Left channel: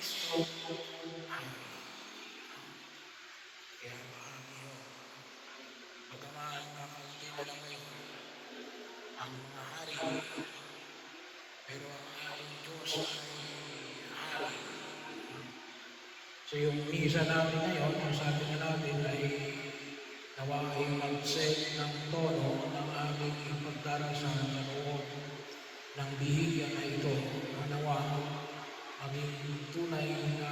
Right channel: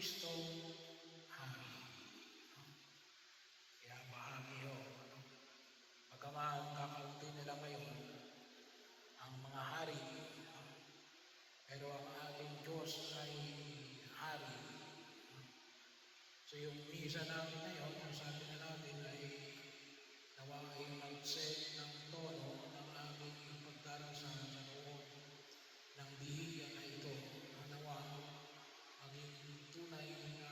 Kristo hari. Kaya bahagi ho, bagaman kakaunti na lang ngayon ang mga hari, pero ang ating Diyos ay hari. So yung misa natin ngayon, ang sabi na natin ay nawa ay mag-set ng tono ng aming pagdarasal sa loob ng bihigan na ito. Nawa maging tunay na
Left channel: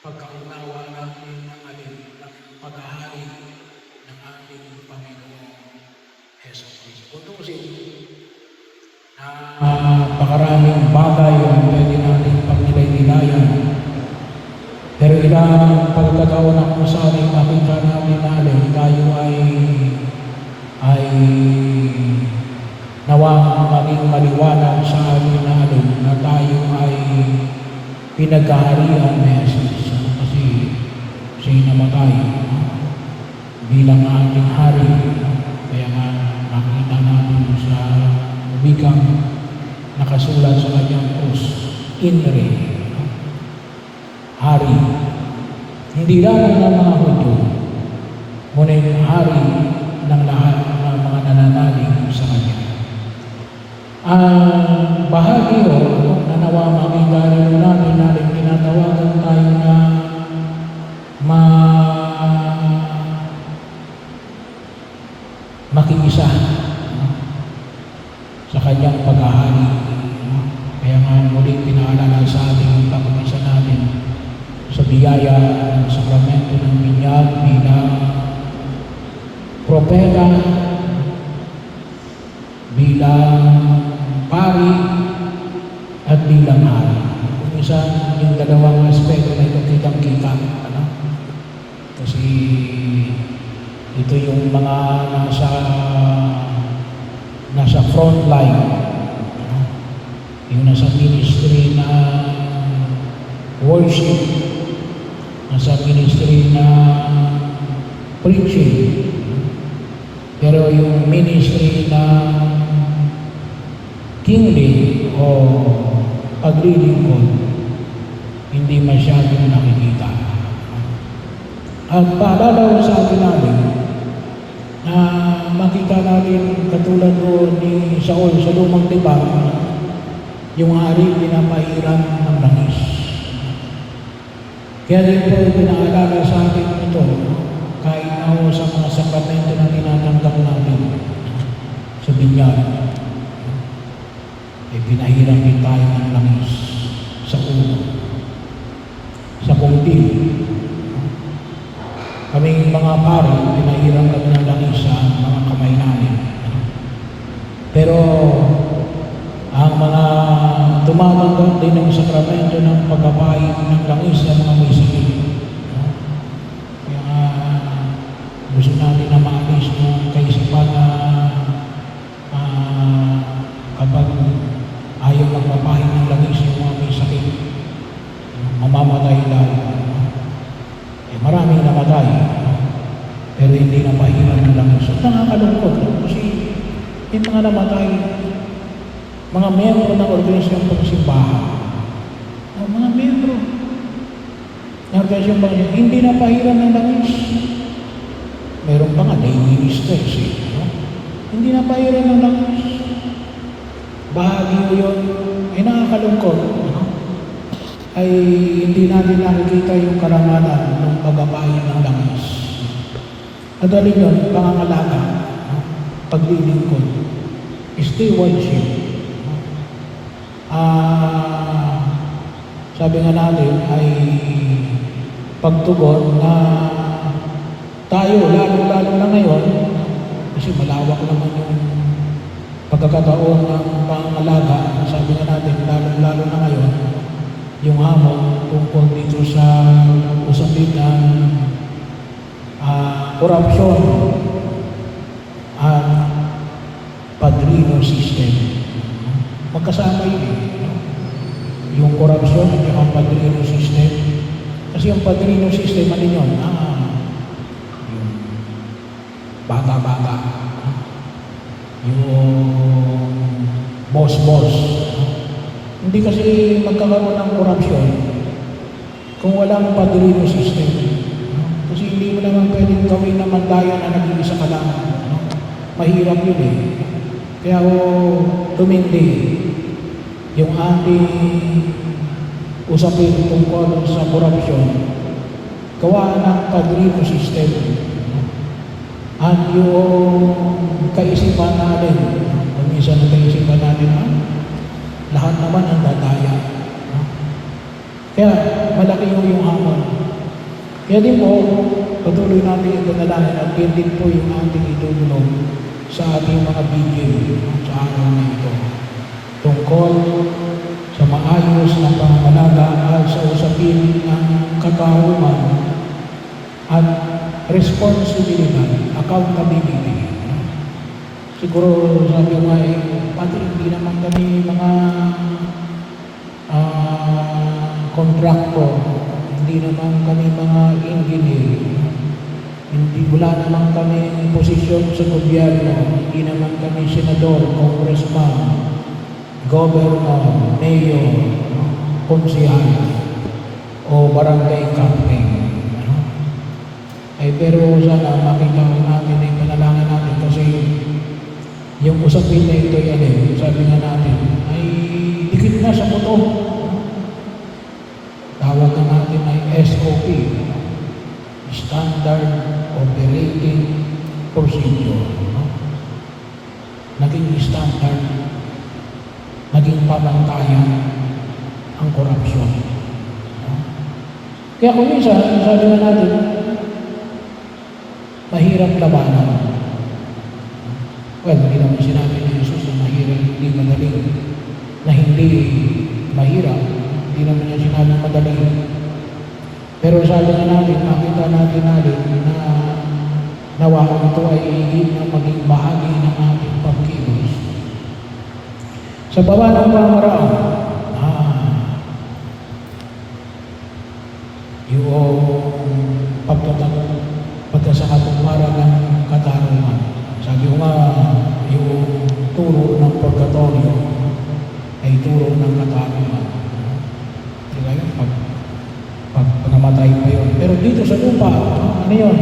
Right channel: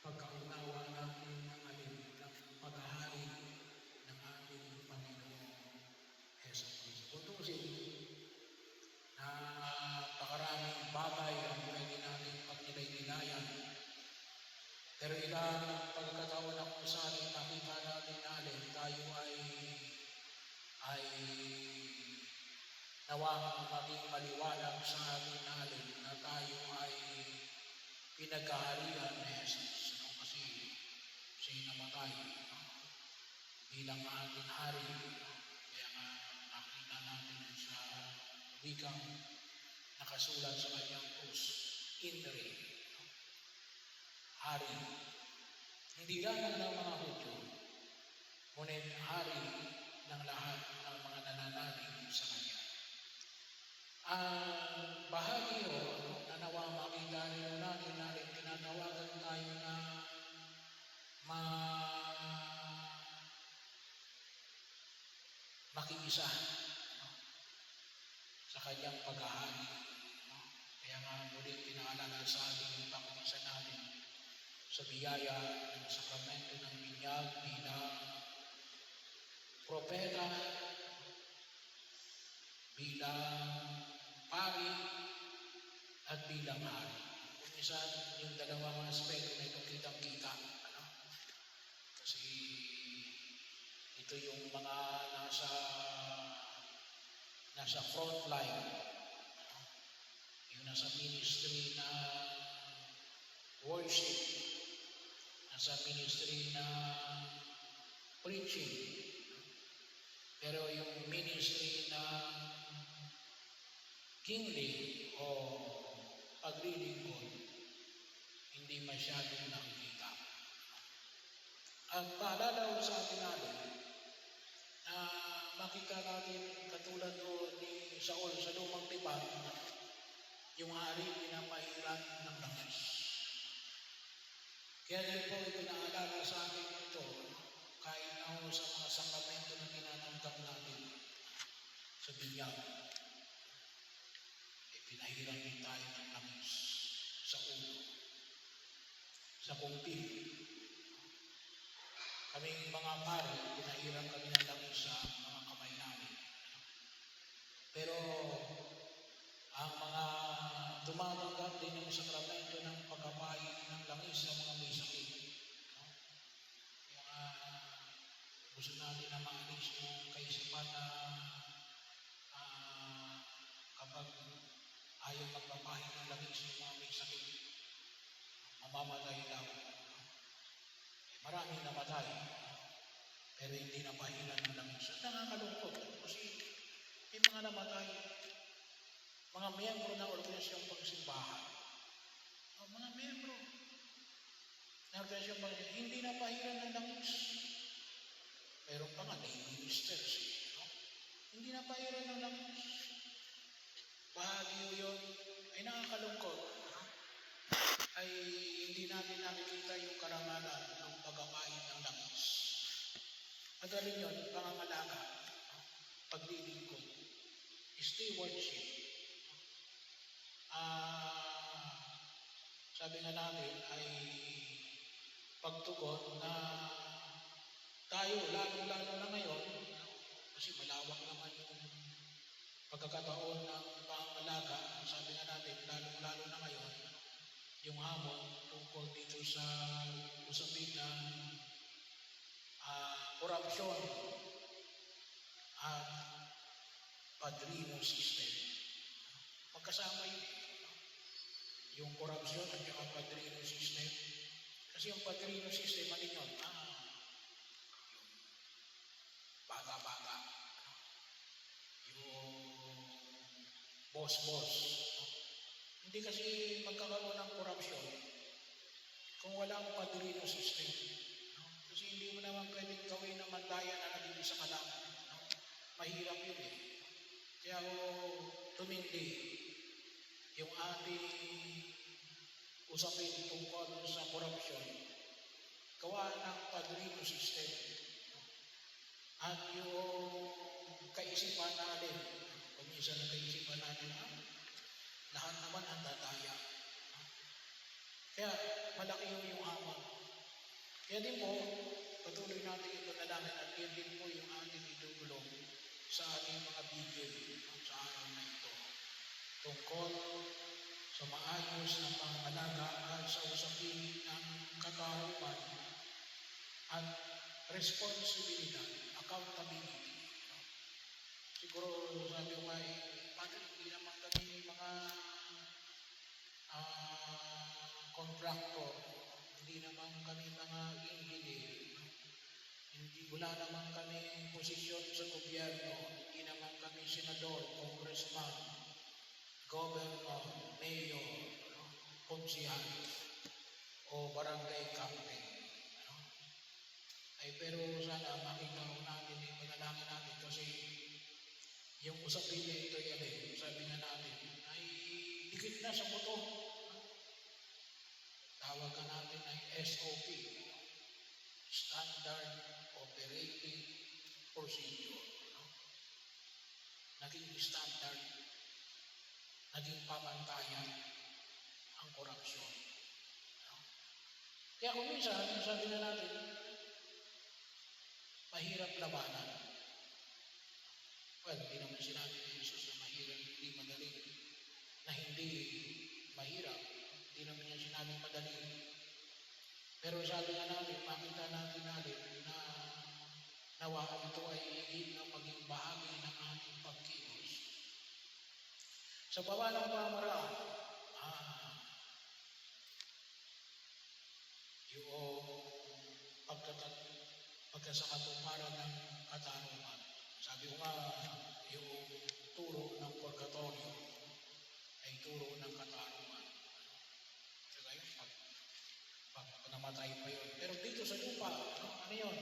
pagkaunawa natin ng paghahari ng ating Panginoon Hesus Kristo. Tutusin, napakaraming bagay ang pwede natin pagnilay-nilayan. Pero ilang pagkakataon na kung saan ay makita natin natin, tayo ay nawang maging maliwanag sa atin natin na tayo ay pinagkaharian ni Jesus. Kasi siya'y namatay bilang ating hari. Kaya nga nakita natin sa wikang nakasulat sa kanyang krus, Inre, hari. Hindi lamang ng mga Hudyo, ngunit hari ng lahat ng mga nananalig sa kanya. Ang bahagi o nanawa makita rin natin tinatawagan tayo na makiisa sa kanyang paghahari. Kaya nga muli pinaalala sa ating pag-isa natin sa biyaya ng sakramento ng binyag bilang propeta, bilang pari, at bilang hari. Minsan yung dalawang aspeto na ito kitang-kita. Kasi ito yung mga nasa front line. Yung nasa ministry na worship, nasa ministry na preaching. Pero yung ministry na kingly o paglilingkod, hindi masyadong nakikita. At paalala sa atin natin na makita natin katulad ko ni Saul sa lumang tipan, yung hari pinapahiran ng langis. Kaya din po pinaalala sa atin ito, kahit na sa mga sakramento na tinatanggap natin sa binyag, ay pinahiran din tayo ng langis sa ulo, sa kungtil. Kaming mga pari, pinahiran kami ng langis sa mga kamay namin. Pero ang mga tumatanggap din ng sakramento ng pagkapain ng langis sa mga may sakit. Kaya gusto natin na maalis ng kaisipan na kapag ayaw magpapahin ng langis yung mga may sakit, mamamatay lang. Maraming namatay, pero hindi napahiran ng langis. At nakakalungkot kasi yung mga namatay, mga miyembro ng organisasyon pagsimbahan, mga miyembro ng organisasyon pagsimbahan, hindi napahiran ng langis. Meron pa nga, lay ministers, hindi napahiran ng langis. Bahagi yun, ay nakakalungkot, ay hindi natin nakikita yung karangalan ng pagbabayin ng langis. At alin yun, pangangalaga, paglilingkod, stewardship. Sabi nga natin ay pagtugon na tayo, lalo-lalo na ngayon, kasi malawak naman yung pagkakataon ng pangangalaga. Sabi nga natin, lalo-lalo na ngayon, yung hamon tungkol dito sa usapin ng korupsyon at padrino system. Magkasama yun. Yung korupsyon at yung padrino system. Kasi yung padrino system, ano yun? Yung bata-bata. Yung boss-boss. Hindi kasi magkakaroon ng korupsyon kung walang padrino system. No? Kasi hindi mo naman pwedeng gawin na mandayan na nag-iisa ka lang. No? Mahirap yun eh. Kaya ako tumindi yung ating usapin tungkol sa korupsyon, gawa ng padrino system. No? At yung kaisipan natin, kung minsan ang kaisipan natin, lahat naman ang dadaya. No? Kaya malaki yung hamon. Kaya din po, patuloy natin yung panalangin at yun din po yung ating itulong sa ating mga bigay sa araw na ito. Tungkol sa maayos na pangangalaga at sa usapin ng katauhan at responsibility, accountability. Siguro sabi ko nga Padre, hindi naman kami mga kontraktor, hindi naman kami mga engineer, wala naman kami posisyon sa gobyerno, hindi naman kami senador, congressman, governor, mayor, konsihal, o barangay captain. Pero sana makita natin ay panalangin natin kasi yung usapin na ito sabi nga natin, ay dikit na sa buto. Tawag na natin ay SOP, Standard Operating Procedure. Naging standard, naging pamantayan ang korupsyon. Kaya kung minsan, sabi nga natin, mahirap labanan. Well, hindi naman sinabi ni Jesus na mahirap, hindi madaling, na hindi mahirap. Hindi naman niya sinabi madaling. Pero sabi nga natin, makita natin na nawa ito ay higit na maging bahagi ng ating pagkilos. Sa baba ng pamaraan, yung pagkasakatuparan ng katarungan. Sabi ko nga, yung turo ng purgatorio ay turo ng katarungan. Diba yun? Pag namatay pa yun. Pero dito sa lupa, ano yun?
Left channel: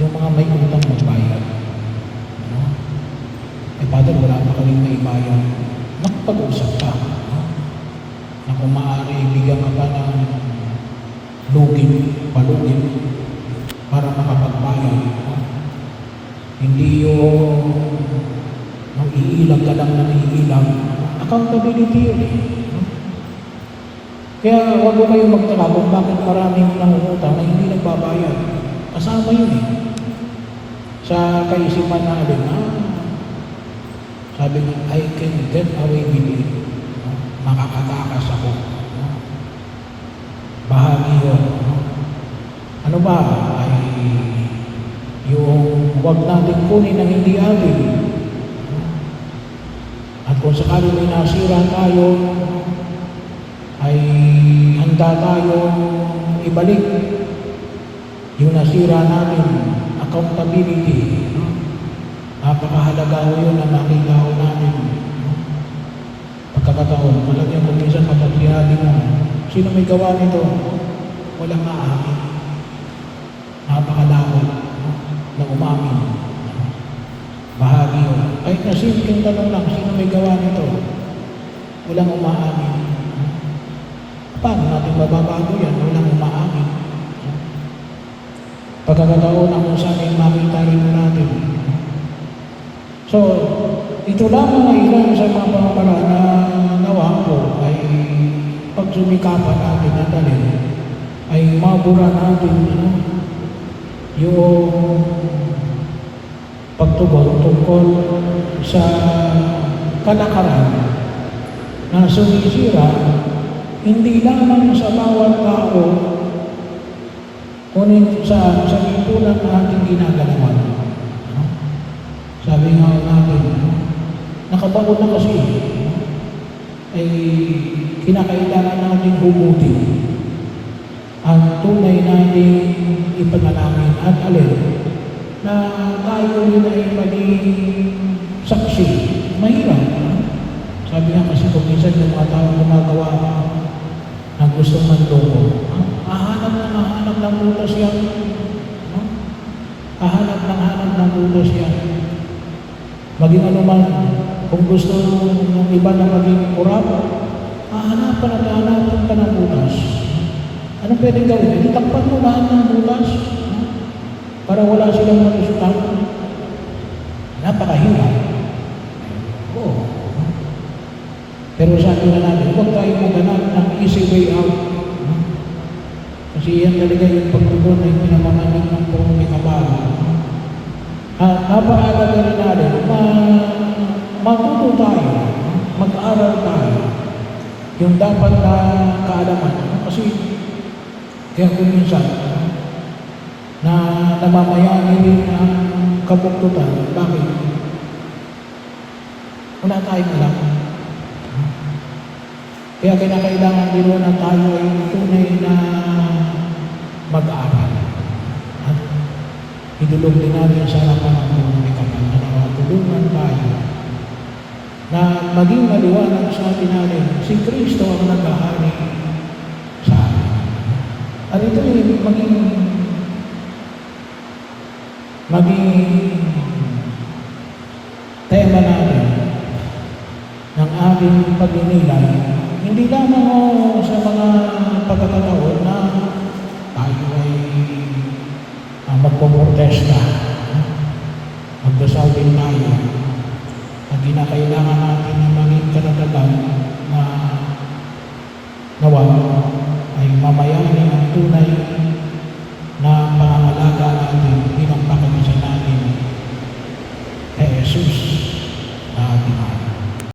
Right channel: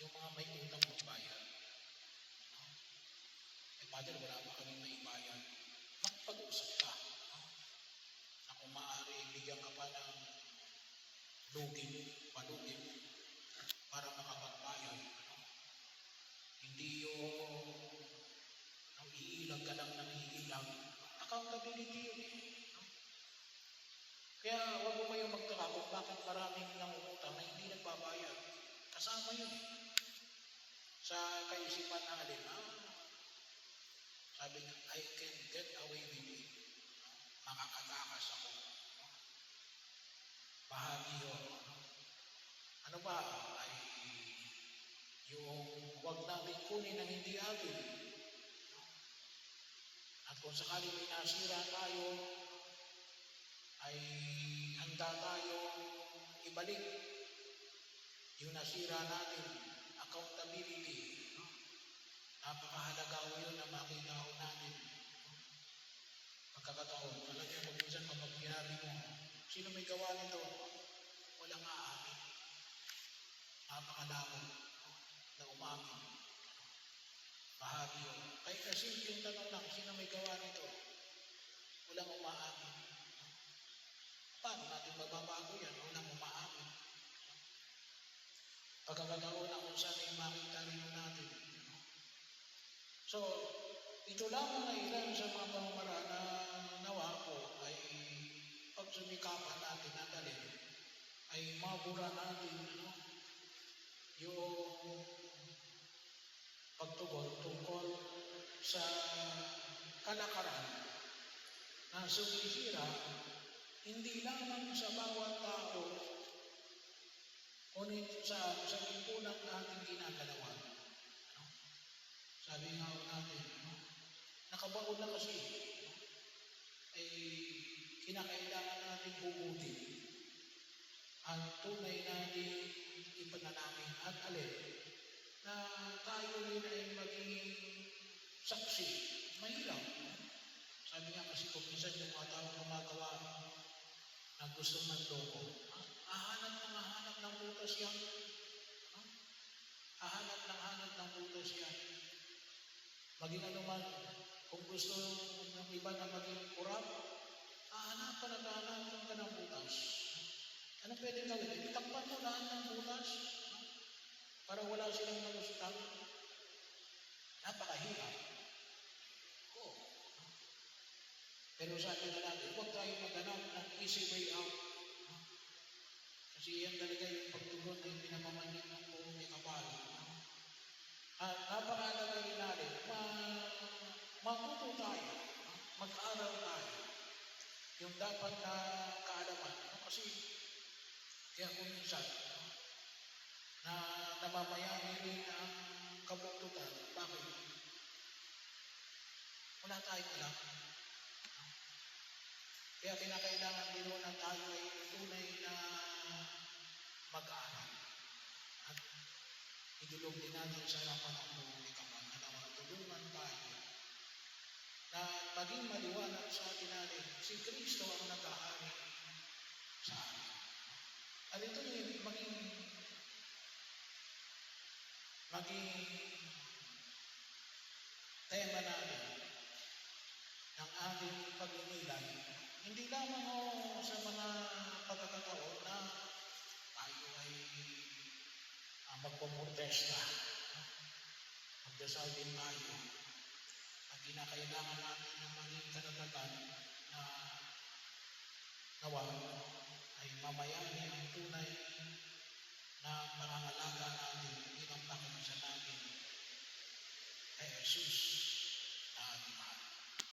Yung mga may utang magbayad. Padre, wala pa kaming maibayad. Nakapag-usap ka. Na kung maaari, bigyan ka pa ng palugin, para makapagbayad. Hindi yung iilang ka lang na iilang. Accountability yun eh. Kaya huwag mo kayong magtaka kung bakit maraming nangungutang na hindi nagbabayad. Kasama yun eh. Sa kaisipan natin, sabi nga, I can get away with it. Makakatakas ako. Bahagi yun. Ano ba? Ay yung huwag natin kunin ang hindi atin. At kung sakali may nasira tayo, ay handa tayo ibalik yung nasira natin. Accountability. Napakahalaga yun na makita natin. Pagkakataon, talagang kung minsan kapag sinabi mo, sino may gawa nito? Walang aamin. Napakalawak na umamin. Bahagi yun. Kahit na simpleng tanong lang, sino may gawa nito? Walang umaamin. Paano natin mababago yan? Walang umaamin. Pagkakataon ang kung saan ay makita rin natin. So, ito lamang ay ilan sa mga pamamaraan na nawa ko ay pagsumikapan natin na dalhin ay mabura natin yung pagtugon tungkol sa kalakaran na sumisira hindi lamang sa bawat tao kunin sa lipunan na ating ginagalawan. Sabi nga natin, nakabaon na kasi ay kinakailangan natin humutin ang tunay natin ipanalangin at alin na tayo rin ay maging saksi. Mahirap. Sabi nga kasi kung minsan yung mga tao gumagawa ng gustong manloko. Hahanap ng utos yan. No? Hahanap ng utos yan. Maging ano man, kung gusto ng iba na maging kurap, hahanapan ka ng butas. Anong pwedeng gawin? Itakpan mo lahat ng butas para wala silang malusutan. Napakahirap. Oo. Pero sabi na natin, huwag tayo maganap ng easy way out. Kasi yan talaga yung pagtugon ay pinamamanig ng puro may kabalo. Napakalaga rin natin, matuto tayo, mag-aaral tayo, yung dapat na kaalaman. Kasi, kaya kung minsan, na namamayani rin ang kabuktutan, bakit? Wala tayong alam. Kaya kinakailangan din na tayo ay tunay na mag-aaral. At idulog din natin sa harapan ng may kapal na tulungan tayo na maging maliwanag sa atin natin si Kristo ang naghahari sa atin. At ito ay maging tema natin ng ating pagninilay, hindi lamang sa mga pagkakataon na tayo ay magpoprotesta, magdasal din tayo, na ginakailangan natin na maging kanatagan na nawa ay mamayani ang tunay na pangangalaga natin bilang pagkakisa natin kay Jesus.